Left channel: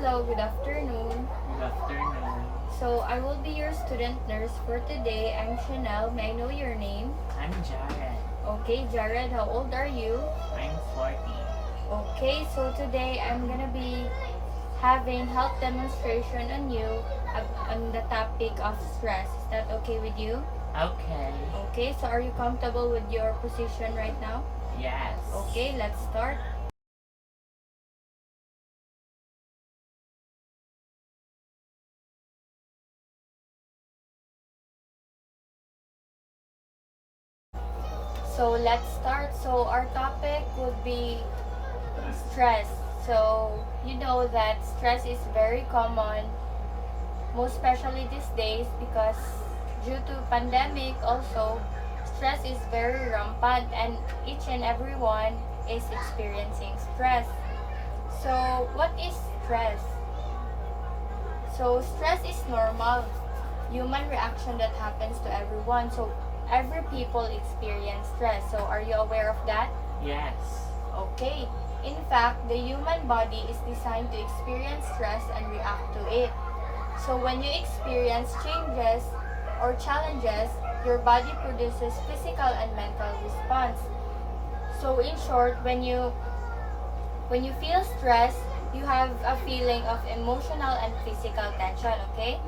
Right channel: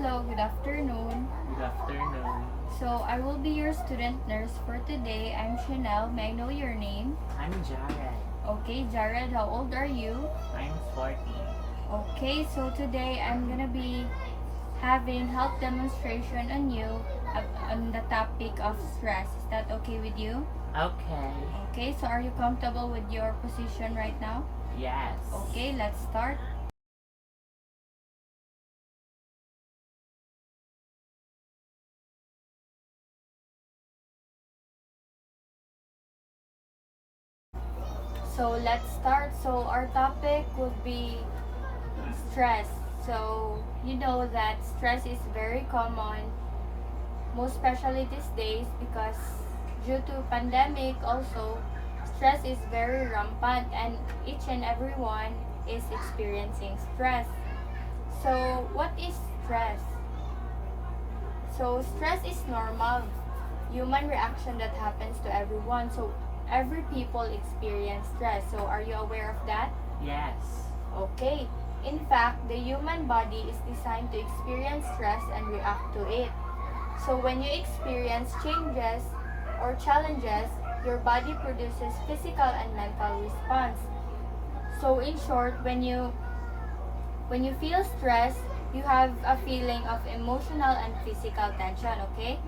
Hello, good afternoon. Good afternoon. So, I will be your student nurse for today. I'm Chanel. May I know your name? I'm Jared. Okay, Jared, how old are you? I'm 40. Okay, so today I'm gonna be having health demonstration on you on the topic of stress. Is that okay with you? Okay. Okay, so are you comfortable with your position right now? Yes. Okay, let's start. So let's start. So our topic would be stress. So you know that stress is very common, most especially these days because due to pandemic also stress is very rampant and each and everyone is experiencing stress. So what is stress? So stress is normal human reaction that happens to everyone. So every people experience stress. So are you aware of that? Yes. Okay. In fact, the human body is designed to experience stress and react to it. So when you experience changes or challenges, your body produces physical and mental response. So in short, when you feel stress, you have a feeling of emotional and physical tension, okay?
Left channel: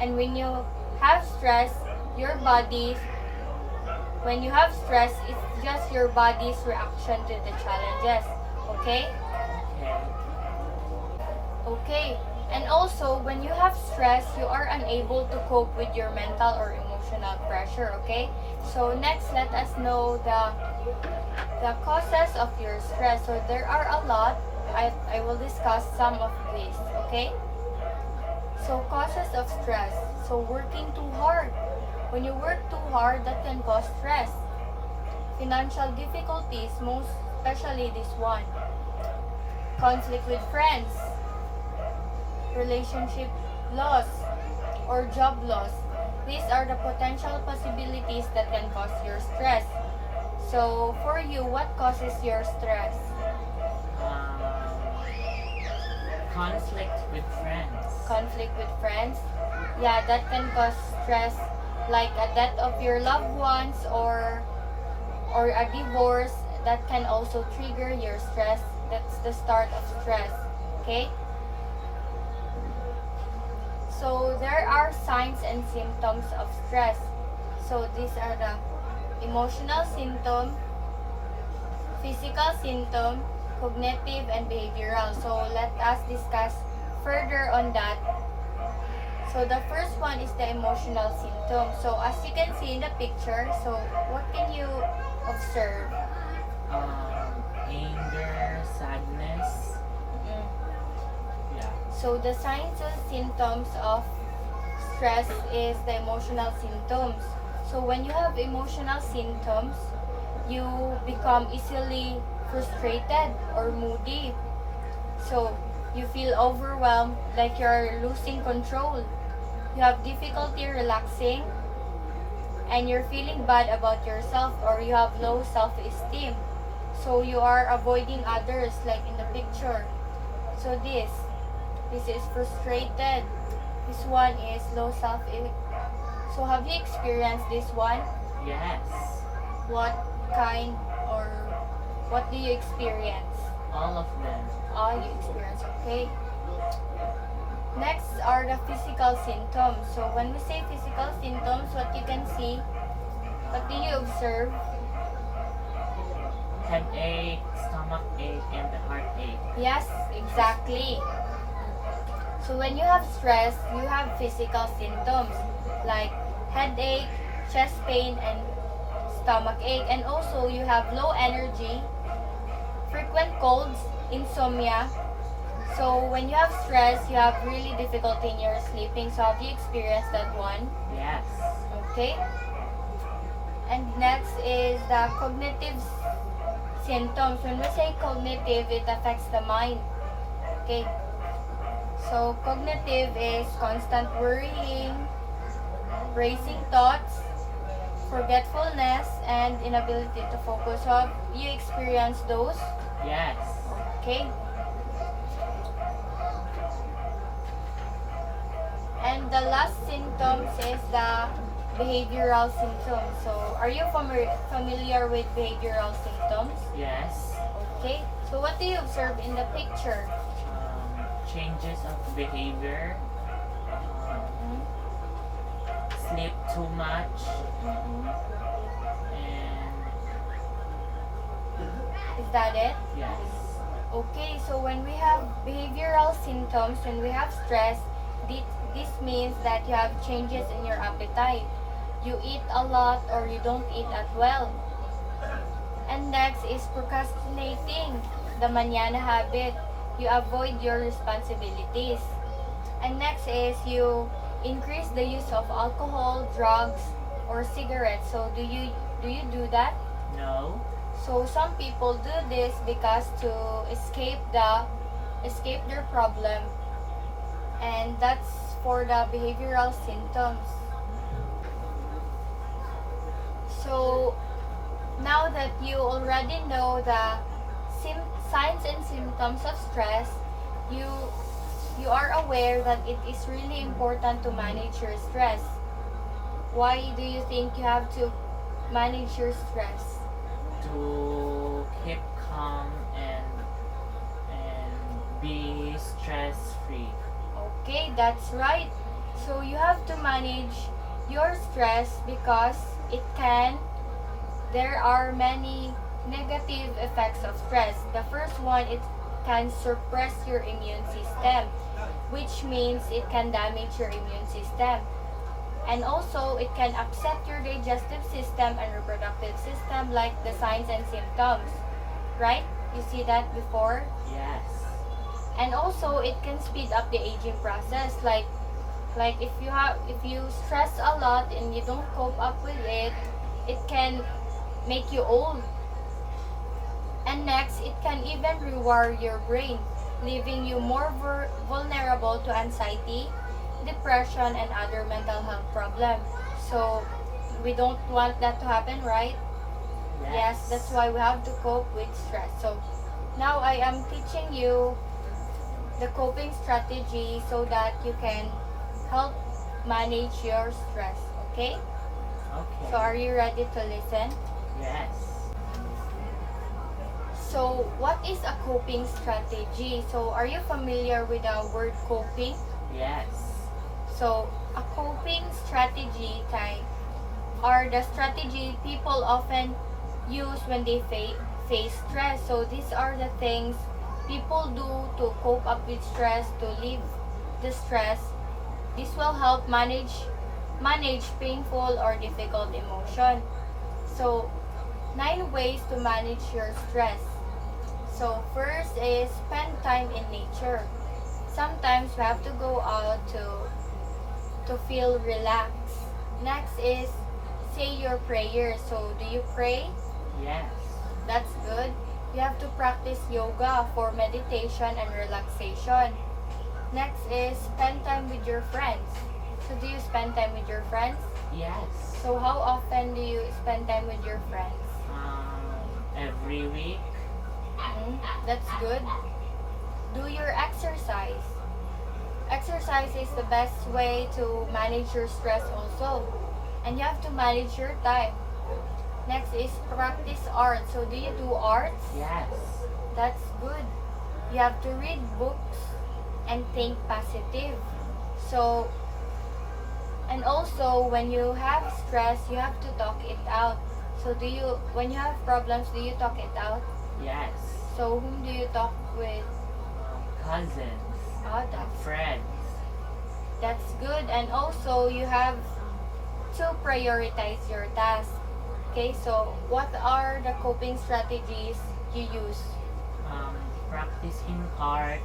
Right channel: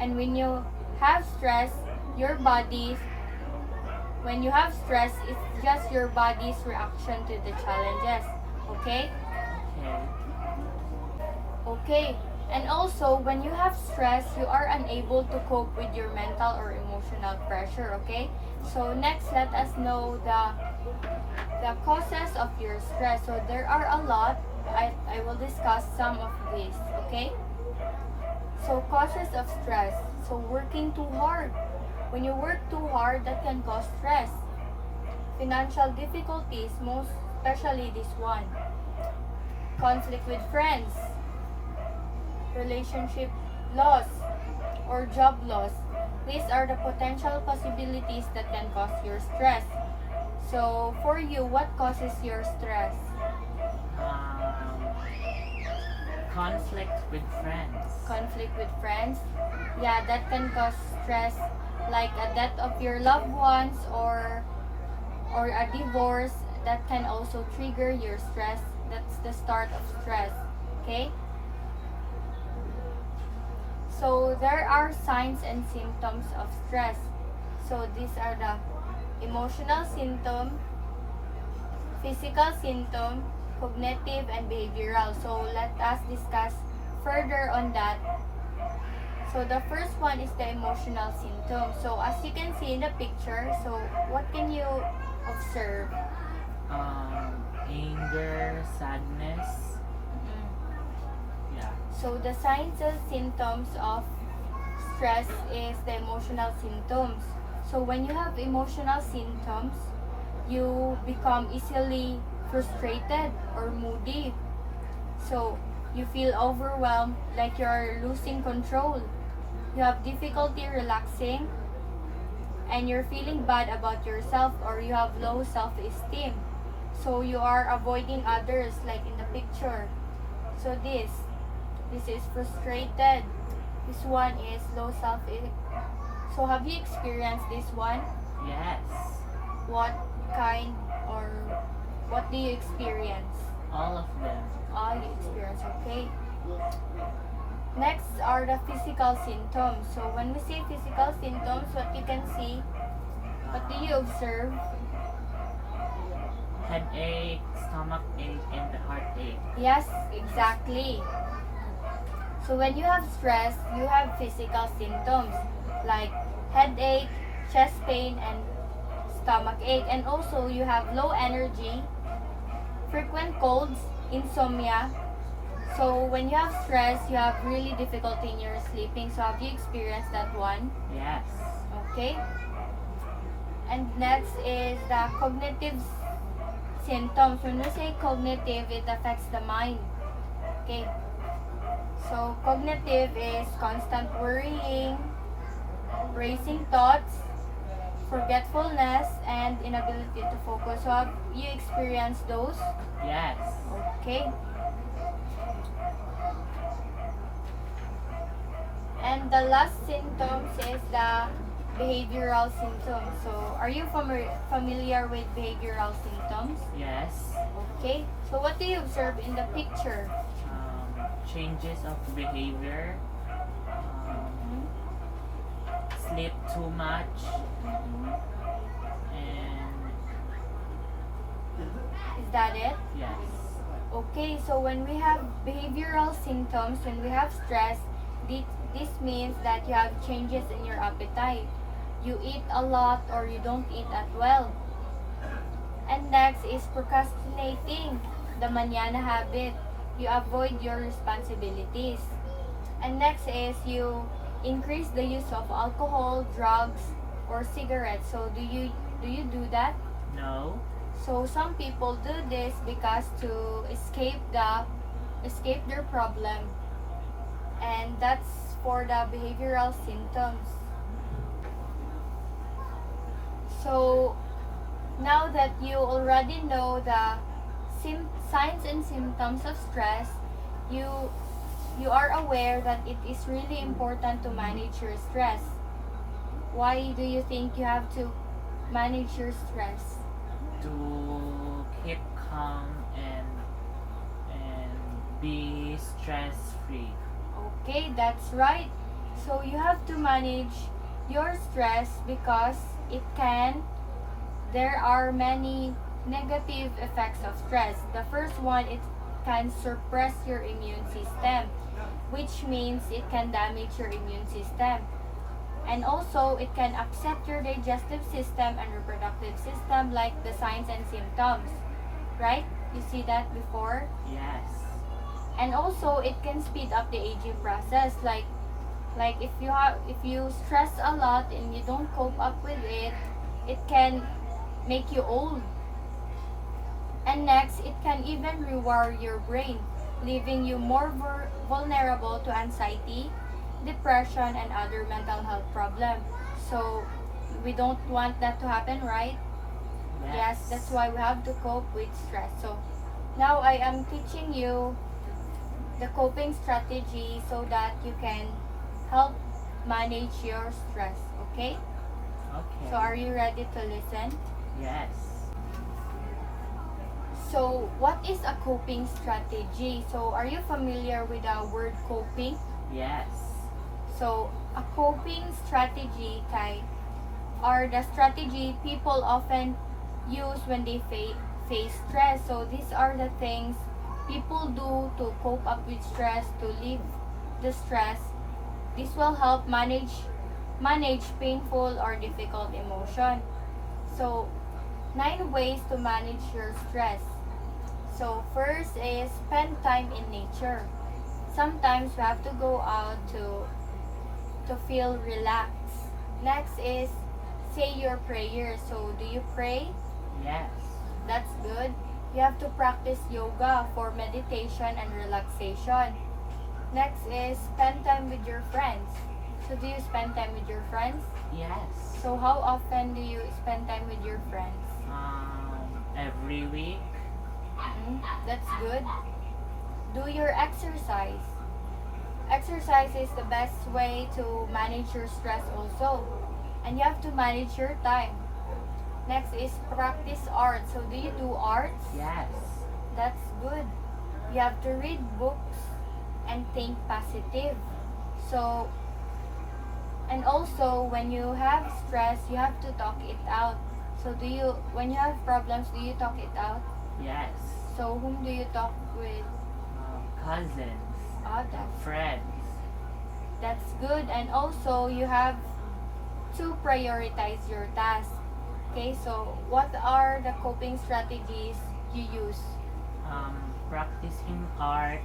And when you have stress, your body when you have stress, it's just your body's reaction to the challenges, okay? Okay. Okay. And also, when you have stress, you are unable to cope with your mental or emotional pressure, okay? So next, let us know the causes of your stress. So there are a lot. I will discuss some of these, okay? So causes of stress. So working too hard. When you work too hard, that can cause stress. Financial difficulties, most especially this one. Conflict with friends, relationship loss, or job loss. These are the potential possibilities that can cause your stress. So, for you, what causes your stress? Um, Conflict with friends. Conflict with friends? Yeah, that can cause stress, like a death of your loved ones or a divorce. That can also trigger your stress. That's the start of stress. Okay? So there are signs and symptoms of stress. So these are the emotional symptom, physical symptom, cognitive and behavioral. So let us discuss further on that. So the first one is the emotional symptom. So as you can see in the picture, so what can you observe? Anger, sadness. Mm. Yeah. So the signs and symptoms of stress is the emotional symptoms. So when you have emotional symptoms, you become easily frustrated or moody. So you feel overwhelmed, like you're losing control. You have difficulty relaxing and you're feeling bad about yourself or you have low self-esteem. So you are avoiding others like in the picture. So this is frustrated. This one is low self. So have you experienced this one? Yes. What kind or what do you experience? All of them. All you experience, okay? Next are the physical symptoms. So when we say physical symptoms, what you can see, what do you observe? Headache, stomach ache, and heartache. Yes, exactly. So when you have stress, you have physical symptoms like headache, chest pain, and stomach ache. And also you have low energy, frequent colds, insomnia. So when you have stress, you have really difficulty in your sleeping. So have you experienced that one? Yes. Okay. And next is the cognitive symptoms. When we say cognitive, it affects the mind. Okay. So cognitive is constant worrying, racing thoughts, forgetfulness, and inability to focus. So have you experienced those? Yes. Okay. And the last symptoms is the behavioral symptoms. So, are you familiar with behavioral symptoms? Yes. Okay. So, what do you observe in the picture? Changes of behavior. Mhm. Sleep too much. Mhm. And Is that it? yes. Okay, so when we have behavioral symptoms, when we have stress, this means that you have changes in your appetite. You eat a lot or you don't eat at well. And next is procrastinating, the manana habit. You avoid your responsibilities. And next is you increase the use of alcohol, drugs, or cigarettes. So do you do that? No. So some people do this because to escape their problem, and that's for the behavioral symptoms. So now that you already know the signs and symptoms of stress, you you are aware that it is really important to manage your stress. Why do you think you have to manage your stress? To keep calm and be stress free. Okay, that's right. So you have to manage your stress because it can there are many negative effects of stress. The first one, it can suppress your immune system, which means it can damage your immune system. And also, it can upset your digestive system and reproductive system, like the signs and symptoms. Right? You see that before? Yes. And also, it can speed up the aging process. Like if you stress a lot and you don't cope up with it, it can make you old. And next, it can even rewire your brain, leaving you more vulnerable to anxiety, depression, and other mental health problems. So, we don't want that to happen, right? Yes, that's why we have to cope with stress. So, now I am teaching you the coping strategy so that you can help manage your stress, okay? Okay. So, are you ready to listen? Yes. So, what is a coping strategy? So, are you familiar with the word coping? Yes. So, a coping strategy type are the strategy people often use when they face stress. So, these are the things people do to cope up with stress, to relieve the stress. This will help manage painful or difficult emotion. So, 9 ways to manage your stress. So first is spend time in nature. Sometimes we have to go out to feel relaxed. Next is say your prayers. So do you pray? Yes. That's good. You have to practice yoga for meditation and relaxation. Next is spend time with your friends. So do you spend time with your friends? Yes. So how often do you spend time with your friends? Every week. That's good. Do your exercise. Exercise is the best way to manage your stress also. And you have to manage your time. Next is practice art. So do you do arts? Yes. That's good. You have to read books and think positive. So, and also when you have stress, you have to talk it out. So when you have problems, do you talk it out? Yes. So whom do you talk with? Cousins. That's Friends. That's good. And also, you have to prioritize your task. Okay, so what are the coping strategies you use? Practicing art,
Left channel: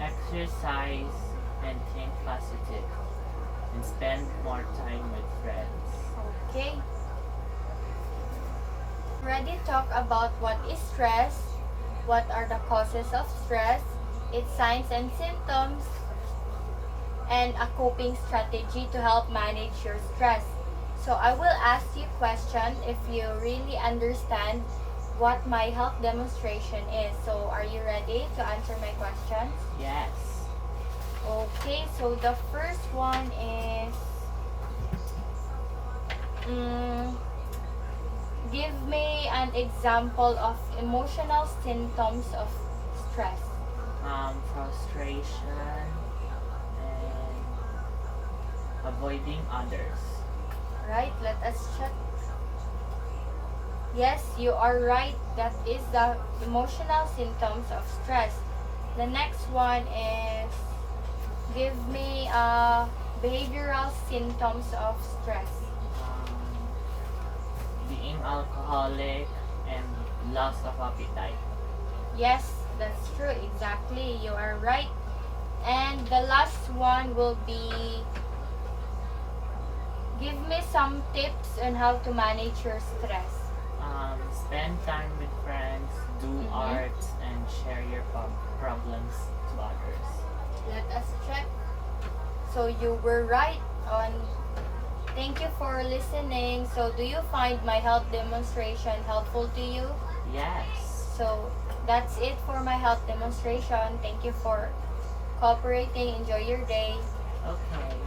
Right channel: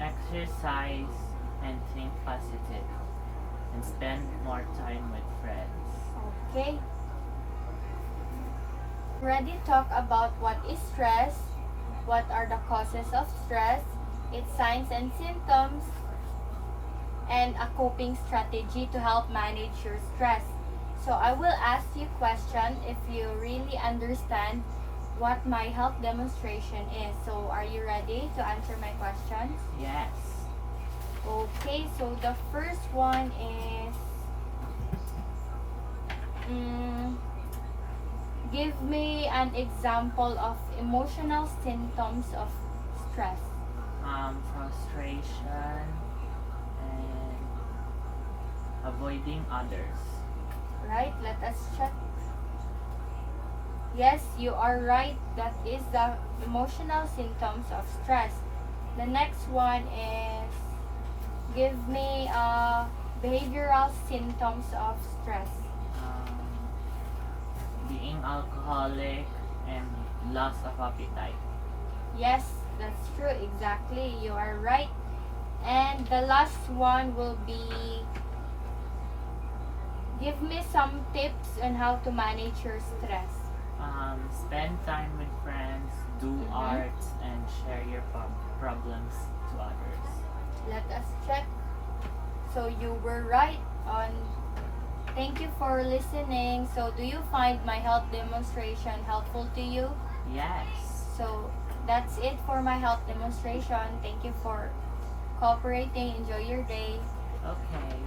exercise, and think positive. And spend more time with friends. Okay. Ready to talk about what is stress, what are the causes of stress, its signs and symptoms, and a coping strategy to help manage your stress. So I will ask you a question if you really understand what my help demonstration is. So are you ready to answer my questions? Yes. Okay, so the first one is mm, give me an example of emotional symptoms of stress. Frustration and avoiding others. Right? Let us check. Yes, you are right. That is the emotional symptoms of stress. The next one is give me behavioral symptoms of stress. Um, Being alcoholic and loss of appetite. Yes, that's true. Exactly. You are right. And the last one will be give me some tips on how to manage your stress. Spend time with friends, do Mhm. arts, and share your problems to others. Let us check. So you were right on. Thank you for listening. So do you find my health demonstration helpful to you? Yes. So that's it for my health demonstration. Thank you for cooperating. Enjoy your day. Okay.